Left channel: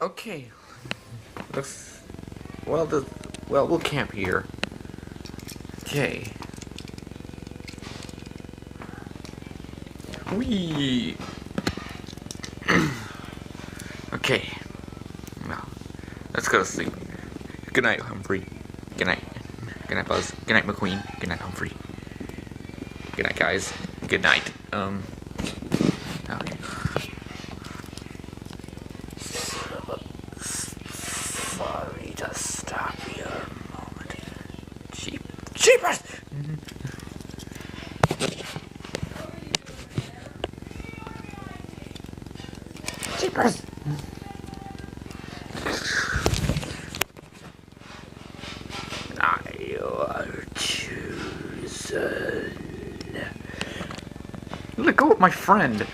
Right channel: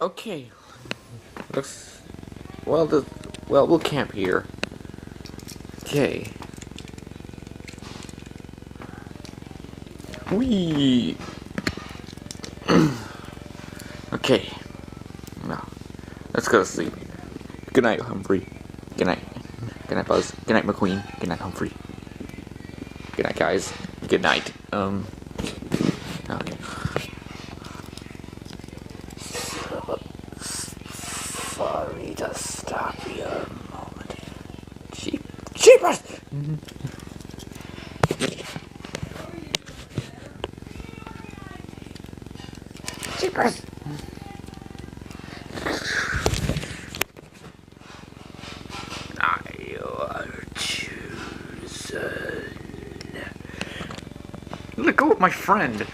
Okay. Let's. We'll camp here. Okay. Whee! Okay. Now, let's go to sleep. Good night, Humphrey. Good night. Good night, Buzz. Good night, McQueen. Good night, Humphrey. Good night, guys. Good night. Okay. Sorry to stop you a moment. Jeepers! Jeepers! I are chosen. Let go of my friend.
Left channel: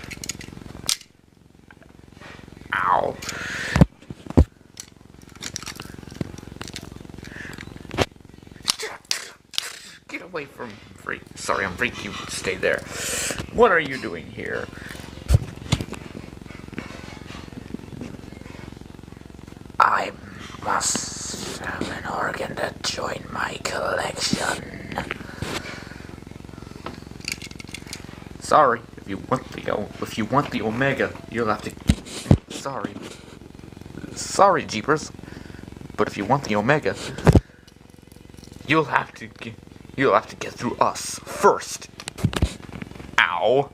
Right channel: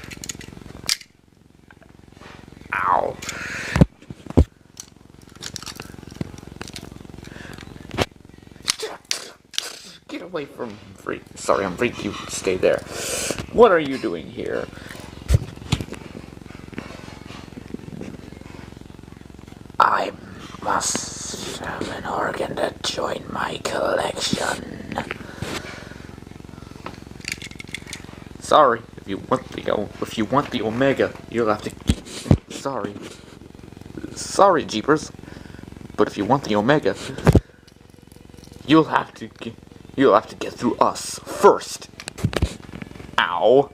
Ow. Get away from Humphrey. Sorry, Humphrey, you stay there. What are you doing here? I must have an organ to join my collection. Sorry, if you want the Omega, you'll have to. Sorry, Jeepers, but if you want the Omega, you'll have to get through us first. Ow.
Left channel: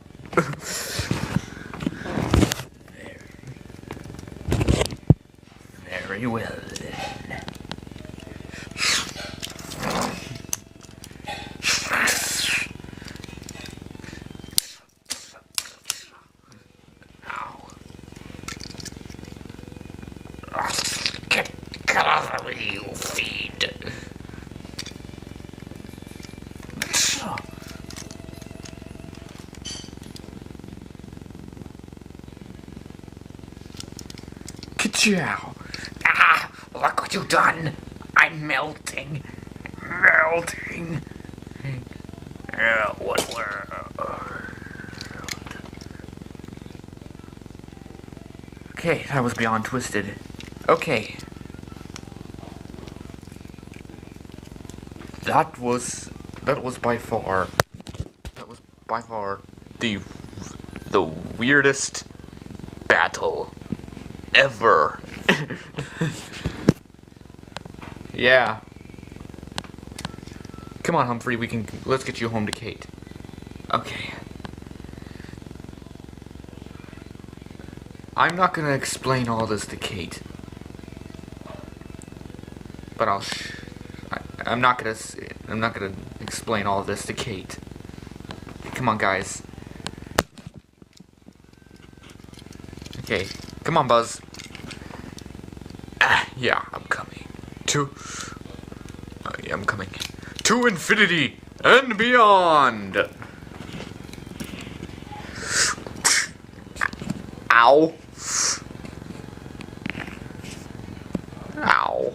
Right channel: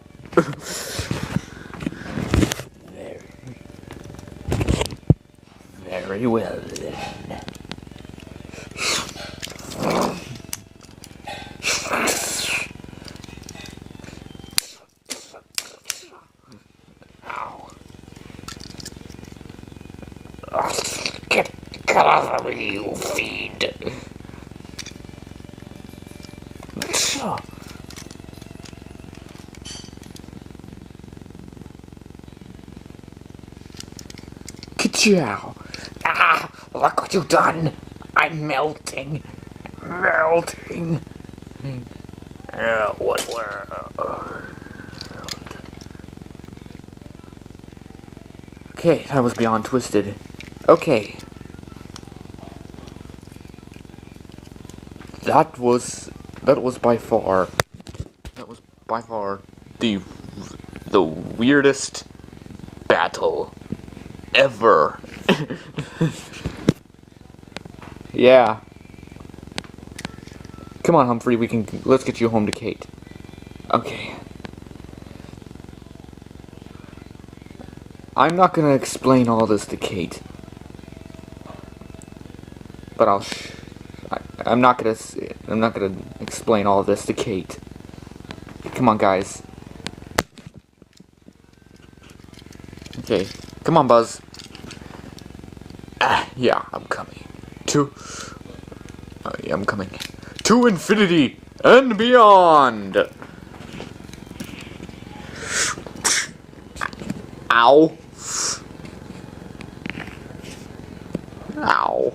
Very well then. Get off of me, you fiend. Ka-chow. Ah, look what you've done. I'm melting. Melting. What world? Okay, that was beyond twisted. Okay. That was by far the weirdest battle ever. Yeah. Come on, Humphrey, let's get you home to Kate. Okay. I'm not gonna explain all this to Kate. But I'm not gonna explain all this to Kate. Come on, guys. Okay, come on, Buzz. Yeah, I'm coming. Yeah, I'm coming. To infinity and beyond. Ow. Ow.